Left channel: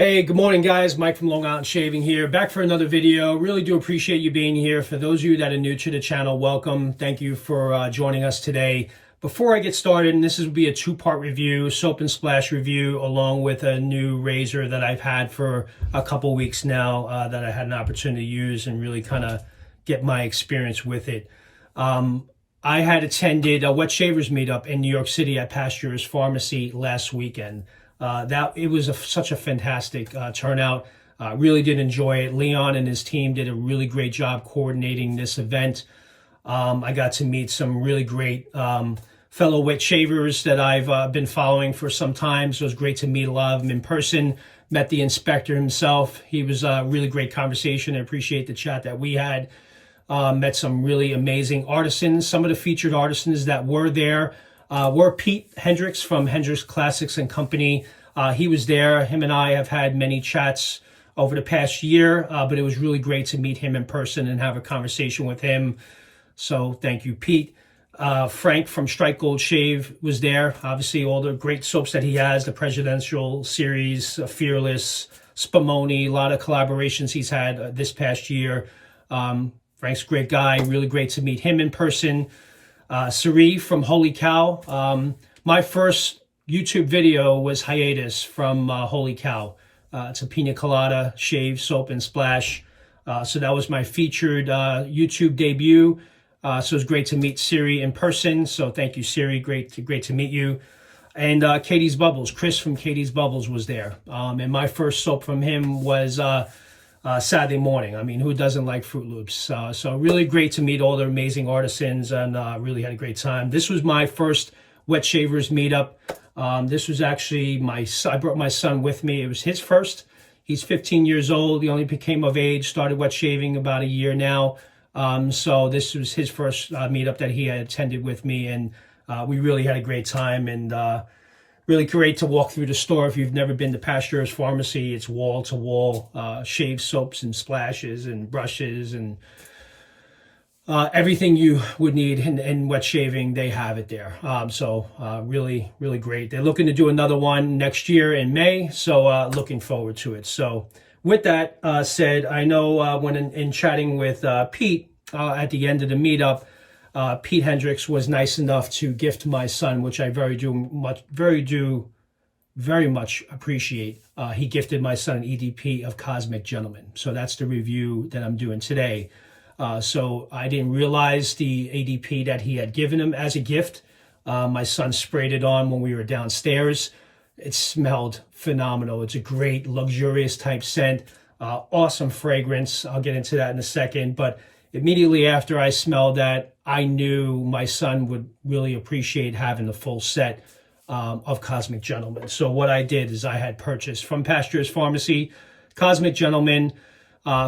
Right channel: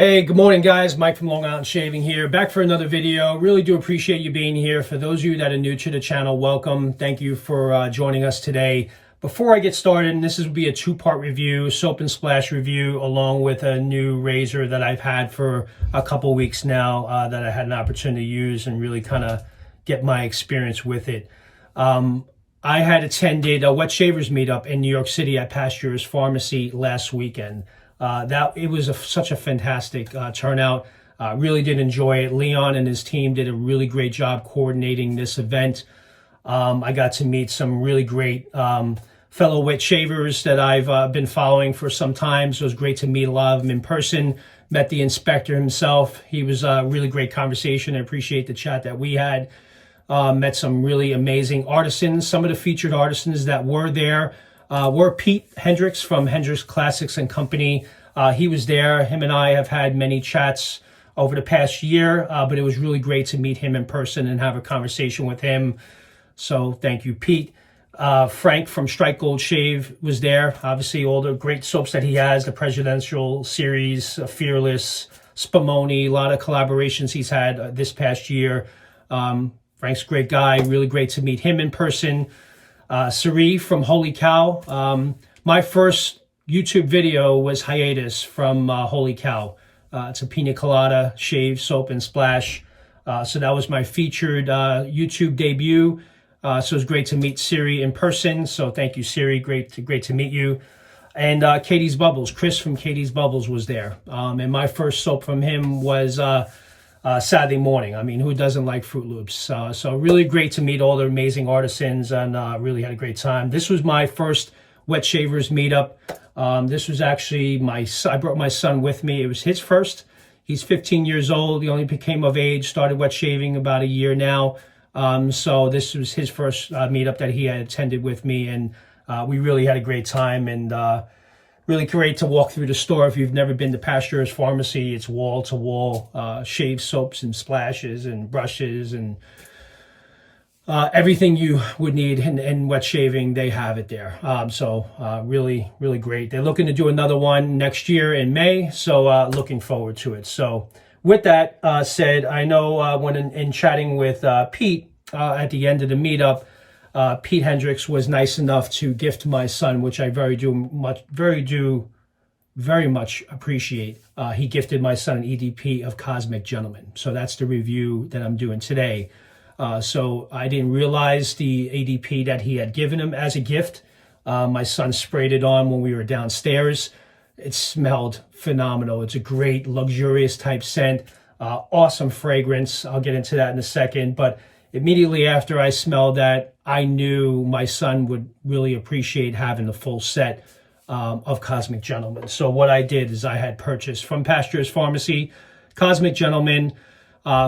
Hey, good morning, guys. Mike from Long Island Shaving here, back for another video. Really do appreciate you being here. For those of you that are new to the channel, welcome. Thank you for joining us today. Before I get started, and this will be a two-part review, soap and splash review, along with a new razor that I've had for a couple weeks now that I had an opportunity to use and really kind of get my experience with it. I had attended a wet shavers meetup in New York City at Pasteur's Pharmacy last weekend. It was such a fantastic turnout. Really did enjoy it. Leon and his team did a really great job coordinating this event. I got to meet some really great fellow wet shavers that I've been following for some time. So it was great to meet a lot of them in person. Met the inspector himself. He was a really great conversation. I appreciate the chat that we had. Met some really amazing artisans. Some of the featured artisans that were there were Pete Hendricks from Hendricks Classics and Company. He was there. Him and I have had many chats over the past year, but it was really great to meet him in person and have a conversation with him. So thank you, Pete. Frank from Strike Gold Shave was there. Obviously, all the great soaps that he has, the Presidential Series, Fearless, Spumoni, a lot of collaborations he's had this past year. Frank's a great guy. Really great to meet him in person. Sari from Holy Cow. My first YouTube video was Hiatus from Holy Cow. It's a pina colada shave, soap, and splash. So that was my featured YouTube debut. So it was great to meet Siri in person. So thank you, Siri. Great to meet you. And Katie's Bubbles. Chris from Katie's Bubbles was there. And my first soap from him was Saturday Morning. I mean, who doesn't like Fruit Loops? So really great to meet all the amazing artisans and really had a great time. This was my first wet shavers meetup. This was actually I brought my son with me. It was his first. He's 15 years old. He only became of age, started wet shaving about a year now. So this was his first meetup that he had attended with me, and we really had a great time, and really great to walk through the store. If you've never been to Pasteur's Pharmacy, it's wall to wall shave soaps and splashes and brushes and everything you would need in wet shaving, they have it there. So really great. They're looking to do another one next year in May, so looking forward to it. So with that said, I know when in chatting with Pete at the end of the meetup, Pete Hendricks was nice enough to gift my son, which I very much appreciate. He gifted my son an EDP of Cosmic Gentleman. So that's the review that I'm doing today. So I didn't realize the EDP that he had given him as a gift. My son sprayed it on when we were downstairs. It smelled phenomenal. It's a great, luxurious type scent. Awesome fragrance. I'll get into that in a second. But immediately after I smelled that, I knew my son would really appreciate having the full set of Cosmic Gentleman. So what I did is I had purchased from Pasteur's Pharmacy Cosmic Gentleman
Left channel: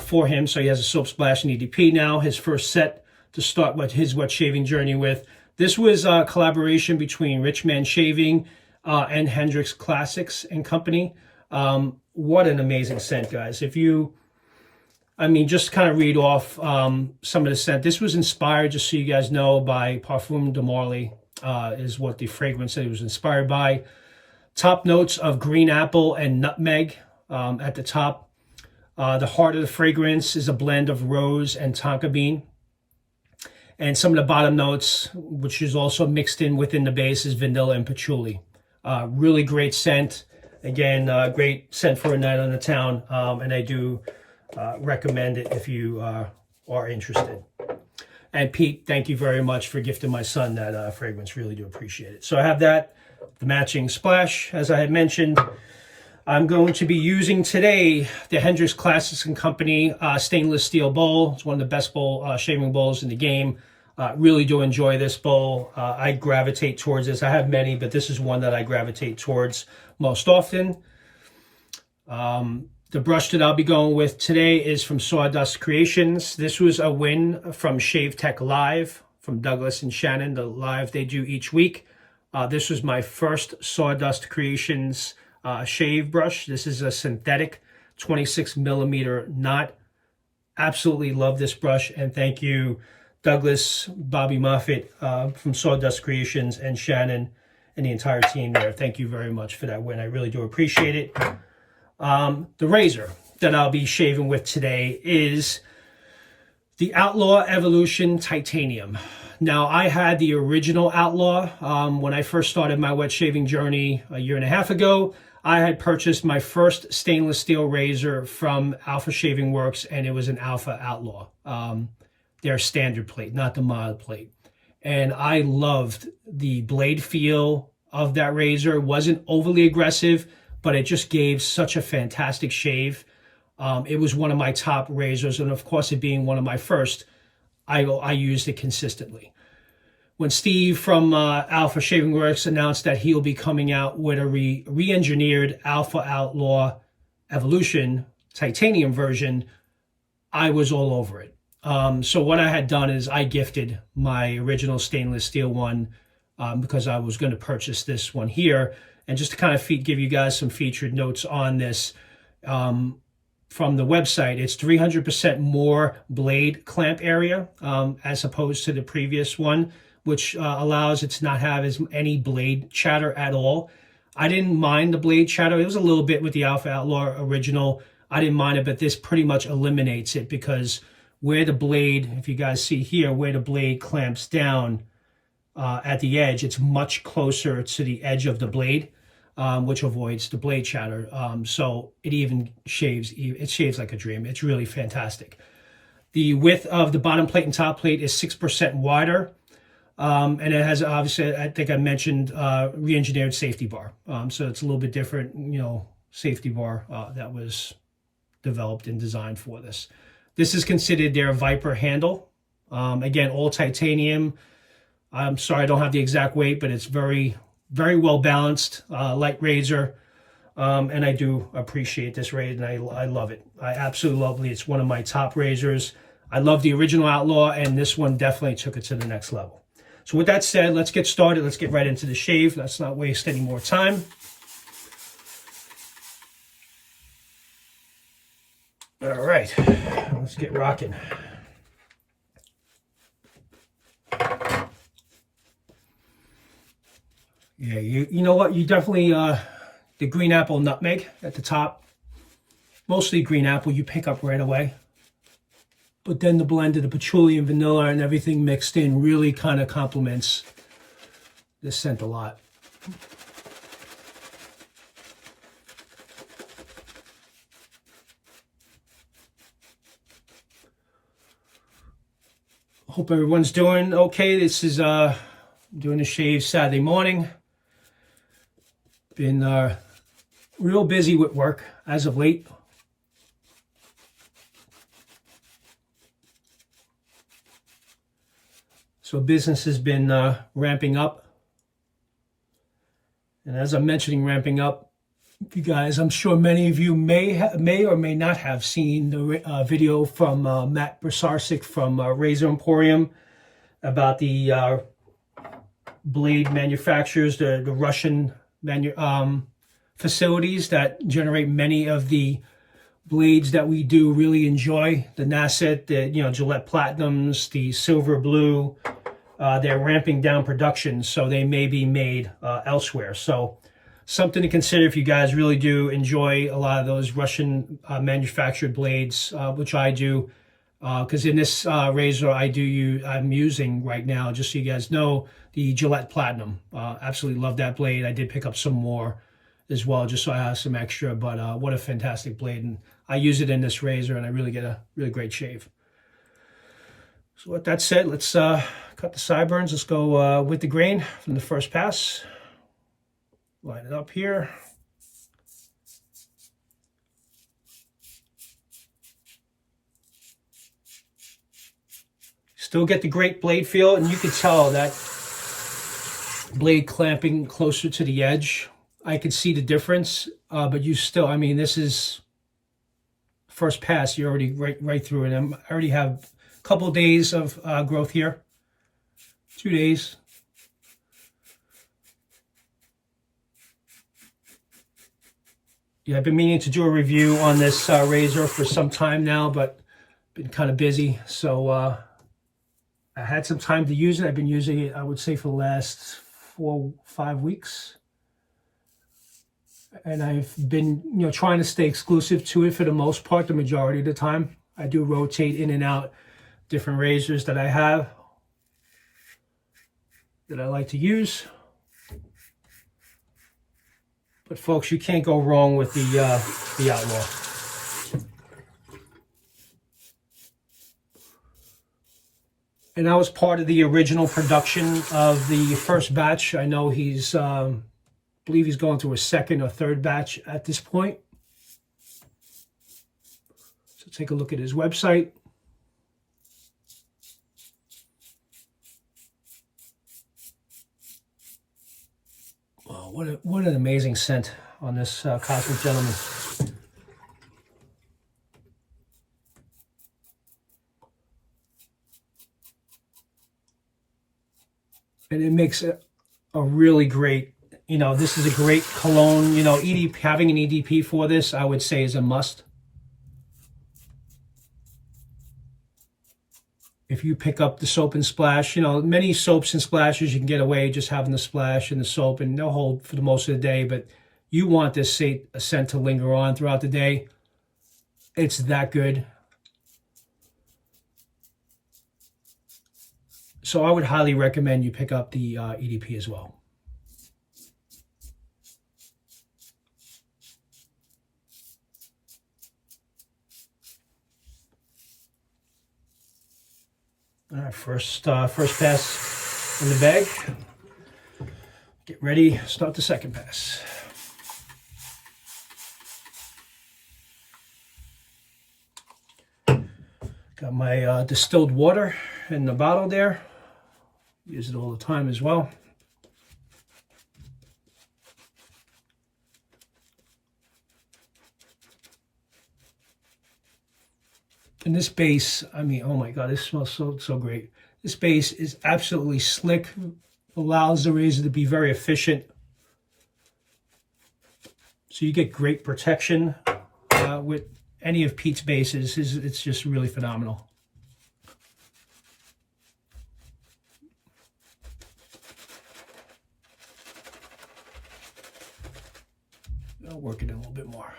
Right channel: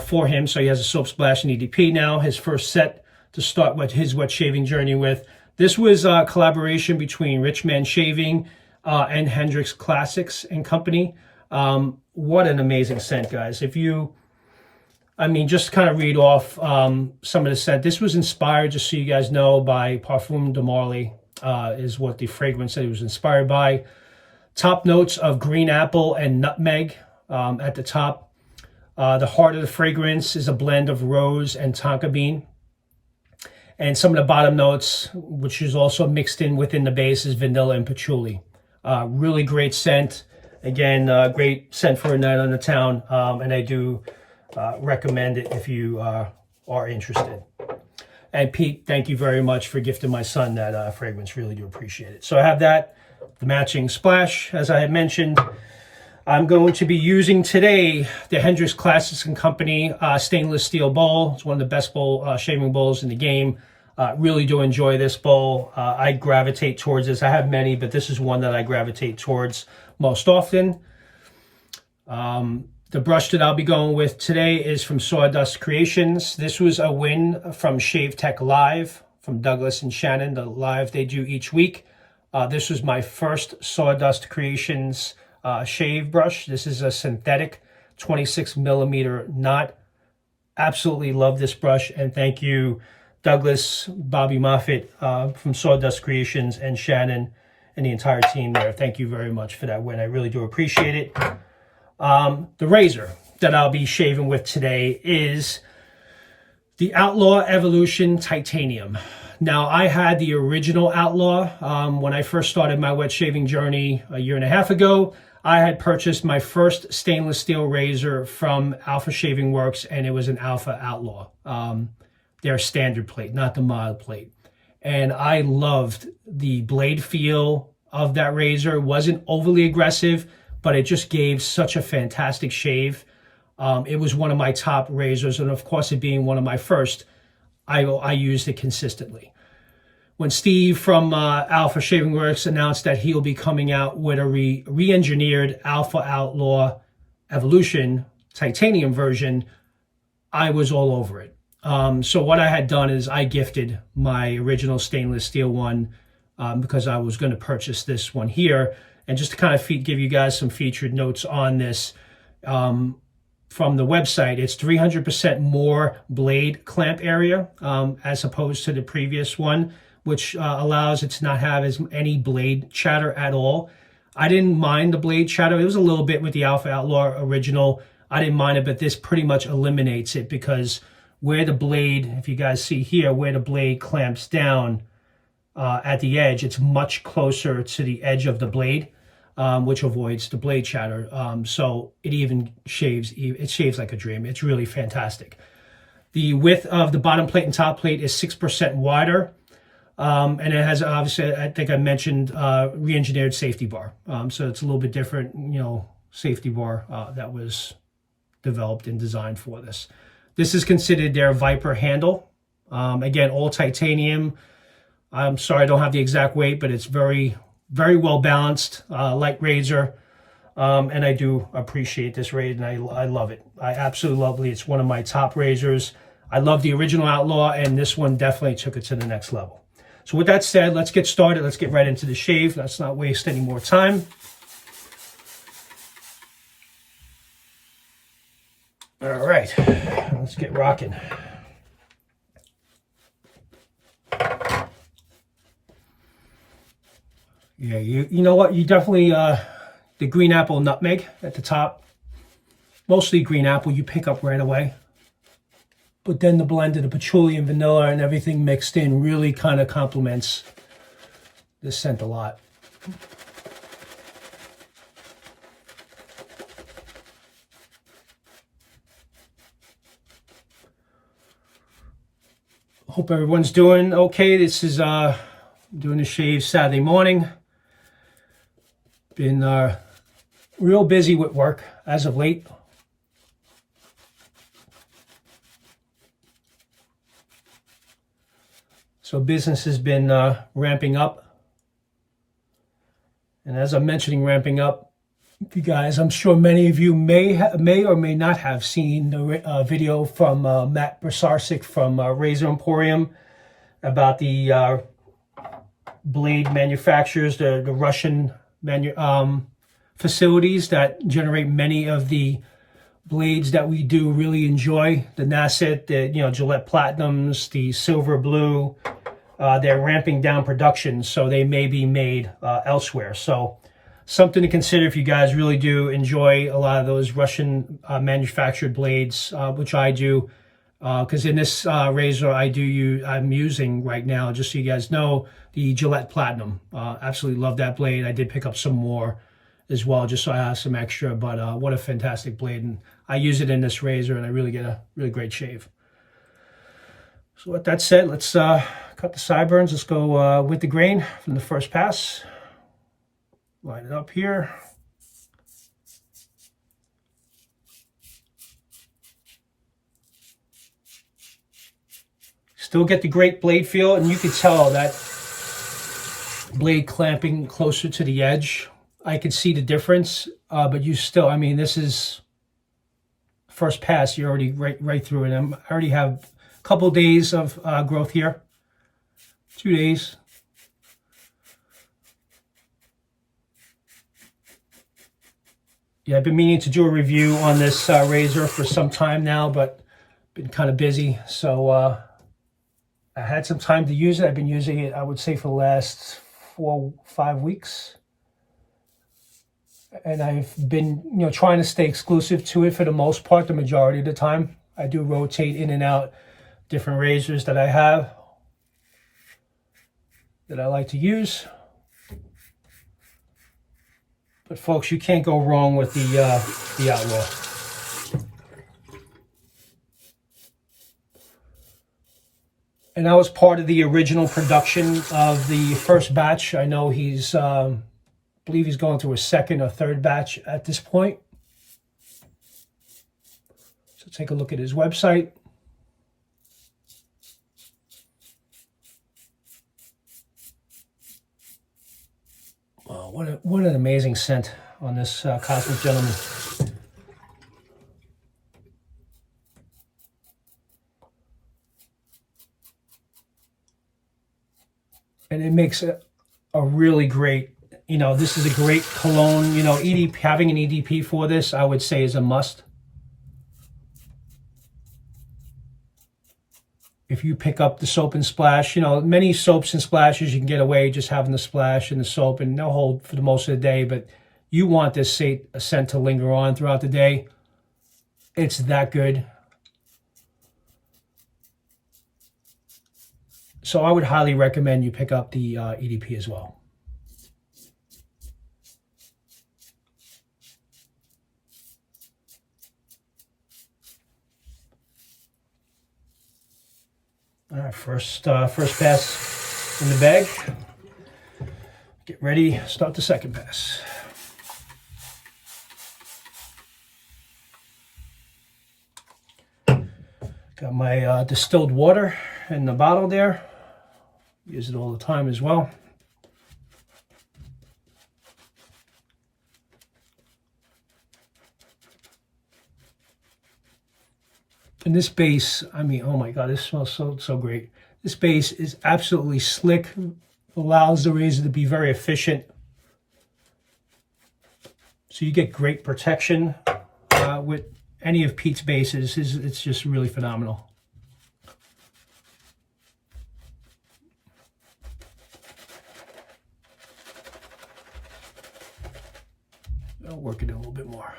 for him. So he has a soap, splash, and EDP now. His first set to start with his wet shaving journey with. This was a collaboration between Rich Man Shaving and Hendricks Classics and Company. What an amazing scent, guys. Just kind of read off some of the scent. This was inspired, just so you guys know, by Parfumes de Marly, is what the fragrance that it was inspired by. Top notes of green apple and nutmeg at the top. The heart of the fragrance is a blend of rose and tonka bean. And some of the bottom notes, which is also mixed in within the base, is vanilla and patchouli. Really great scent. Again, great scent for a night on the town. And I do recommend it if you are interested. And Pete, thank you very much for gifting my son that fragrance. Really do appreciate it. So I have that, the matching splash, as I had mentioned. I'm going to be using today the Hendricks Classics and Company stainless steel bowl. It's one of the best shaving bowls in the game. Really do enjoy this bowl. I gravitate towards this. I have many, but this is one that I gravitate towards most often. The brush that I'll be going with today is from Sawdust Creations. This was a win from Shave Tech Live, from Douglas and Shannon, the live they do each week. This was my first Sawdust Creations shave brush. This is a synthetic 26 millimeter knot. Absolutely love this brush, and thank you Douglas, Bobby Moffitt from Sawdust Creations, and Shannon and the entire team there. Thank you very much for that win. I really do appreciate it. The razor that I'll be shaving with today is the Outlaw Evolution Titanium. Now, I had the original Outlaw when I first started my wet shaving journey a year and a half ago. I had purchased my first stainless steel razor from Alpha Shaving Works, and it was an Alpha Outlaw. Their standard plate, not the mild plate. And I loved the blade feel of that razor. It wasn't overly aggressive, but it just gave such a fantastic shave. It was one of my top razors, and of course, it being one of my first, I used it consistently. When Steve from Alpha Shaving Works announced that he'll be coming out with a re-engineered Alpha Outlaw Evolution Titanium version, I was all over it. So what I had done is I gifted my original stainless steel one because I was going to purchase this one here. And just to kind of give you guys some featured notes on this, from the website, it's 300% more blade clamp area as opposed to the previous one, which allows it to not have any blade chatter at all. I didn't mind the blade chatter. It was a little bit with the Alpha Outlaw original. I didn't mind it, but this pretty much eliminates it because where the blade, if you guys see here, where the blade clamps down at the edge, it's much closer to the edge of the blade, which avoids the blade chatter. So it even shaves, it shaves like a dream. It's really fantastic. The width of the bottom plate and top plate is 6% wider. And it has, obviously, I think I mentioned, re-engineered safety bar. So it's a little bit different, you know, safety bar that was developed and designed for this. This is considered their Viper handle. Again, all titanium. I'm sorry, I don't have the exact weight, but it's very, very well balanced, light razor. And I do appreciate this razor, and I love it. I absolutely love it. It's one of my top razors. I love the original Outlaw, and this one definitely took it to the next level. So with that said, let's get started. Let's get right into the shave. Let's not waste any more time. All right, let's get rocking. Yeah, you know what? You definitely, the green apple nutmeg at the top, mostly green apple, you pick up right away. But then the blend of the patchouli and vanilla and everything mixed in really kind of complements this scent a lot. Hope everyone's doing okay. This is doing a shave Saturday morning. Been real busy with work as of late. So business has been ramping up. And as I'm mentioning ramping up, you guys, I'm sure many of you may or may not have seen the video from Matt Brsarcik from Razor Emporium about the blade manufacturers, the Russian facilities that generate many of the blades that we do really enjoy. The Nasset, the Gillette Platinums, the Silver Blue. They're ramping down production, so they may be made elsewhere. So something to consider if you guys really do enjoy a lot of those Russian manufactured blades, which I do. Because in this razor I'm using right now, just so you guys know, the Gillette Platinum. Absolutely love that blade. I did pick up some more as well, just so I have some extra, but what a fantastic blade. And I use it in this razor, and I really get a really great shave. So with that said, let's cut the sideburns. Let's go with the grain from the first pass. Line it up here. Still get the great blade feel, and you can tell that blade clamping closer to the edge. I can see the difference, but you still, I mean, this is first pass. You're already right through it. I already have a couple days of growth here. 2 days. Yeah, I've been meaning to do a review on this razor for some time now, but been kind of busy. So I had some time to use it. I've been using it, I would say, for the last 4-5 weeks. and I've been, trying to stay exclusive to it for the most part, the majority of the time. I do rotate in and out different razors that I have that I like to use. But folks, you can't go wrong with the Outlaw. And I was part of the original production of the first batch. I know he's, I believe he's going through a second or third batch at this point. So take a look at his website. Wow, what an amazing scent on this Cosmic Gentleman. And it makes a really great, this is a great cologne, EDP, having an EDP for this, I would say, is a must. If you pick up the soap and splash, many soaps and splashes, you can get away just having the splash and the soap, and they'll hold for the most of the day, but you want this scent to linger on throughout the day. It's that good. So I would highly recommend you pick up the EDP as well. All right, first pass in the bag. Get ready, start the second pass. Got my distilled water in the bottle there. Use it all the time as well. And this base, I mean, oh my God, this smells so great. This base is absolutely slick, allows the razor to be very efficient. So you get great protection with any of Pete's bases. It's just really phenomenal. I'll work it a little bit more.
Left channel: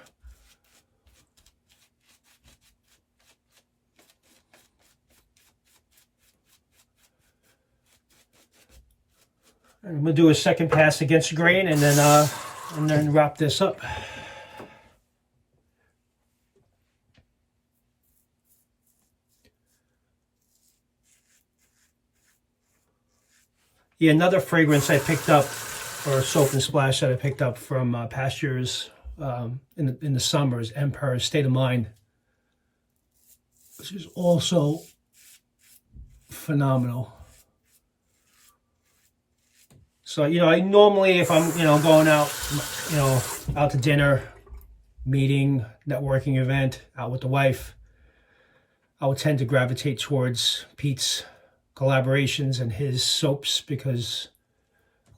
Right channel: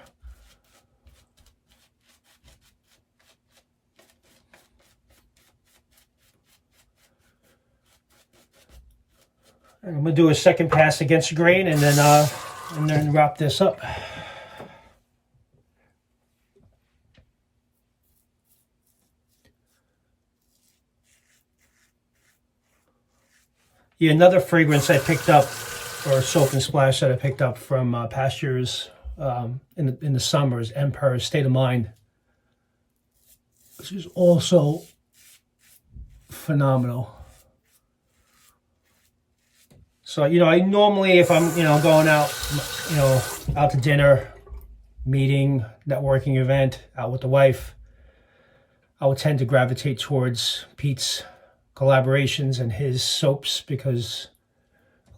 I'm going to do a second pass against the grain and then wrap this up. Yeah, another fragrance I picked up, or soap and splash that I picked up from Pastures in the summer, is Empire's State of Mind. This is also phenomenal. So, I normally, if I'm, going out, out to dinner, meeting, networking event, out with the wife, I would tend to gravitate towards Pete's collaborations and his soaps, because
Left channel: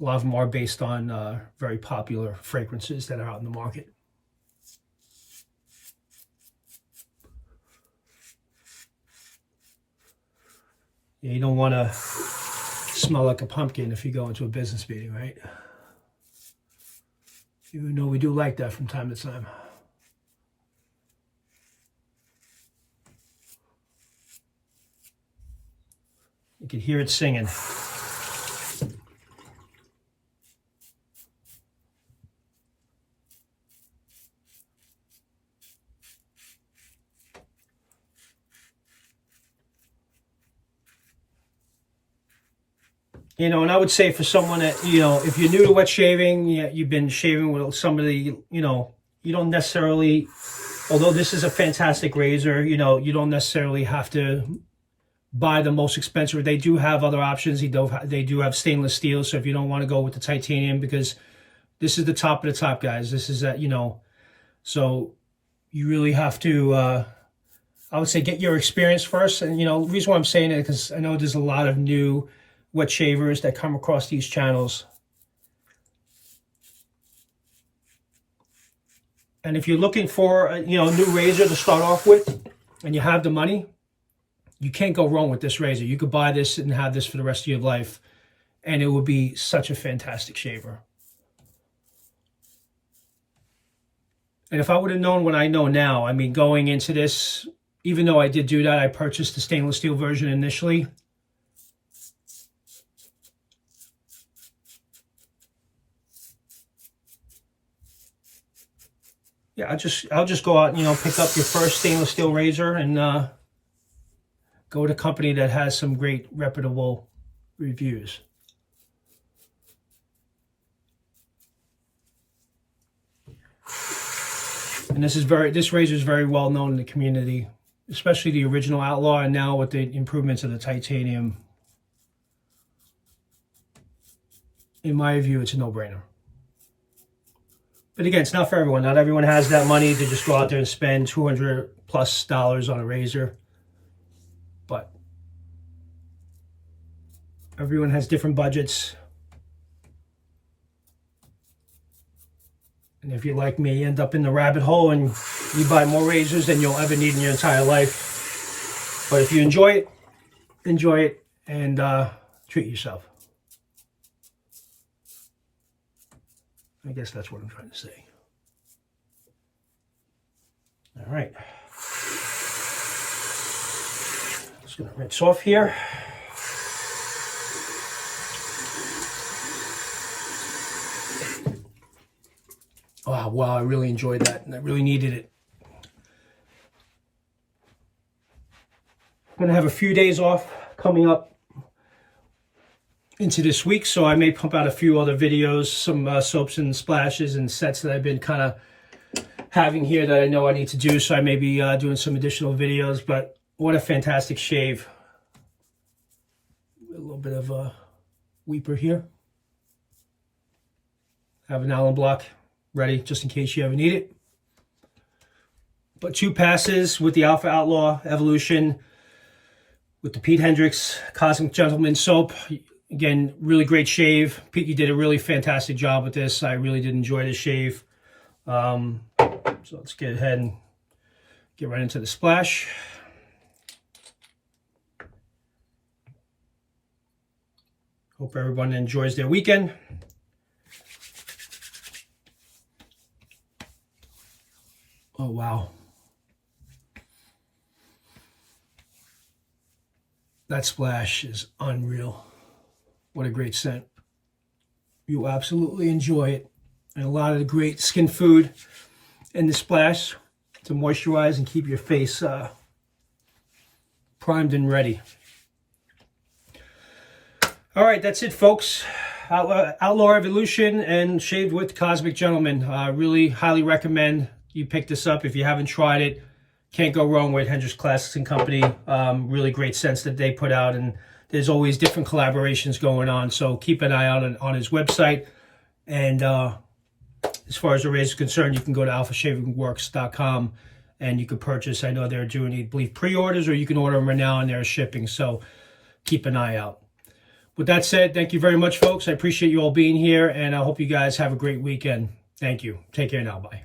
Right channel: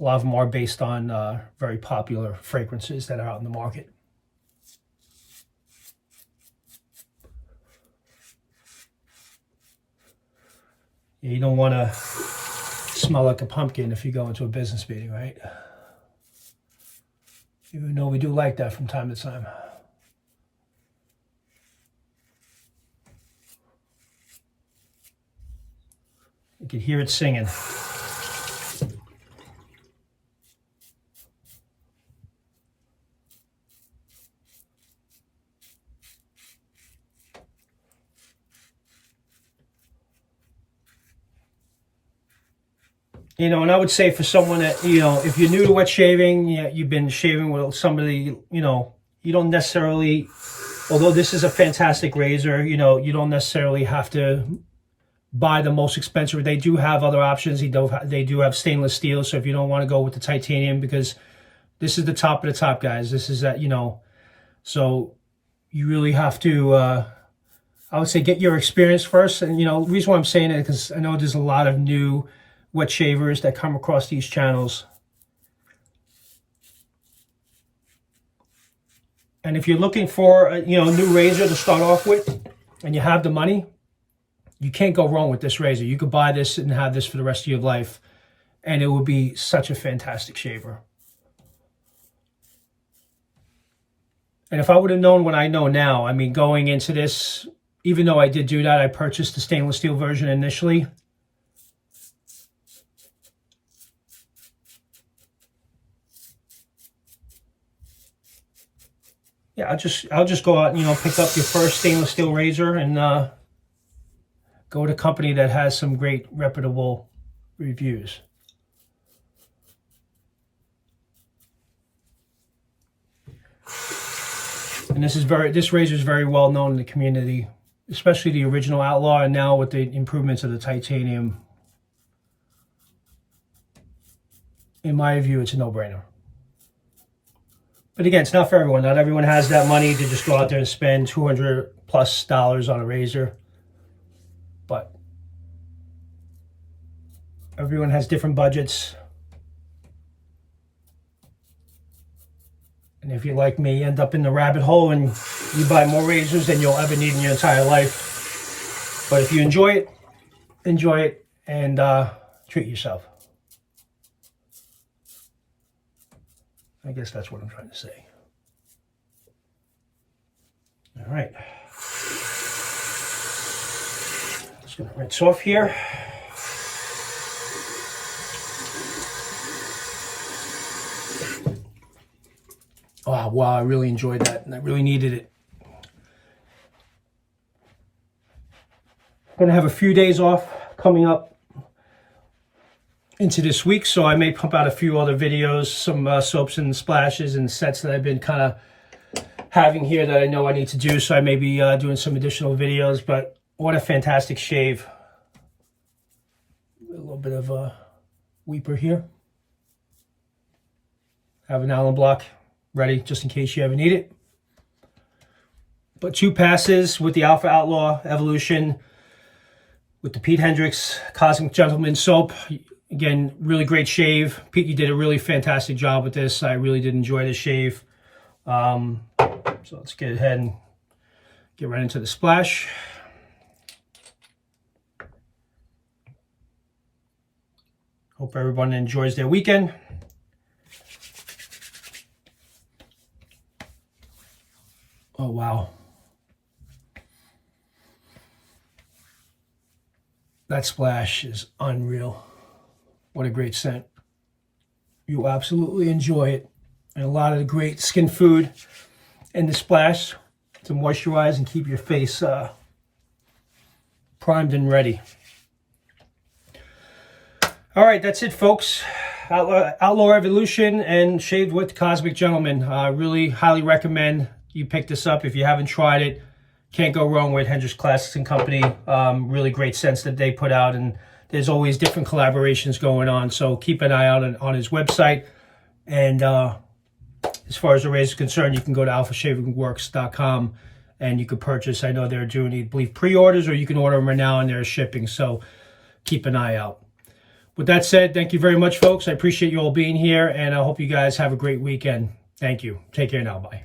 a lot of them are based on very popular fragrances that are out in the market. Yeah, you don't want to smell like a pumpkin if you go into a business meeting, right? Even though we do like that from time to time. You can hear it singing. And I would say for someone that, if you're new to wet shaving, you've been shaving with somebody, you don't necessarily, although this is a fantastic razor, you don't necessarily have to buy the most expensive. They do have other options. They do have stainless steel. So if you don't want to go with the titanium, because this is the top of the top, guys. This is that, so you really have to, I would say, get your experience first. And, the reason why I'm saying it, because I know there's a lot of new wet shavers that come across these channels. And if you're looking for a new razor to start off with, and you have the money, you can't go wrong with this razor. You could buy this and have this for the rest of your life, and it would be such a fantastic shaver. And if I would have known what I know now, I mean, going into this, even though I did do that, I purchased the stainless steel version initially. Yeah, I'll just go out and, you know, pick up your first stainless steel razor and go to a company that has some great reputable reviews. And this razor is very well known in the community, especially the original Outlaw, and now with the improvements of the titanium. In my view, it's a no-brainer. But again, it's not for everyone. Not everyone has that money to just go out there and spend $200+ on a razor. But everyone has different budgets. And if you're like me, you end up in the rabbit hole and you buy more razors than you'll ever need in your entire life. But if you enjoy it and treat yourself. I guess that's what I'm trying to say. All right. Just gonna rinse off here. Oh, wow, I really enjoyed that, and I really needed it. I'm going to have a few days off coming up into this week, so I may pump out a few other videos, some soaps and splashes and sets that I've been kind of having here that I know I need to do, so I may be doing some additional videos, but what a fantastic shave. A little bit of a weeper here. Have an Allen block ready just in case you ever need it. But 2 passes with the Alpha Outlaw Evolution with the Pete Hendricks Cosmic Gentleman soap. Again, really great shave. Pete, you did a really fantastic job with this. I really did enjoy the shave. So let's get ahead and get right into the splash. Hope everyone enjoys their weekend. Oh, wow. That splash is unreal. What a great scent. You absolutely enjoy it. And a lot of the great skin food in the splash to moisturize and keep your face primed and ready. All right, that's it, folks. Outlaw Evolution and Shaved with Cosmic Gentleman. Really highly recommend you pick this up if you haven't tried it. Can't go wrong with Hendricks Classics and Company. Really great scents that they put out, and there's always different collaborations going on. So keep an eye out on his website. And as far as the razor is concerned, you can go to alphashavingworks.com and you can purchase. I know they're doing, I believe, pre-orders, or you can order them right now and they're shipping. So keep an eye out. With that said, thank you very much, folks. I appreciate you all being here, and I hope you guys have a great weekend. Thank you. Take care now. Bye.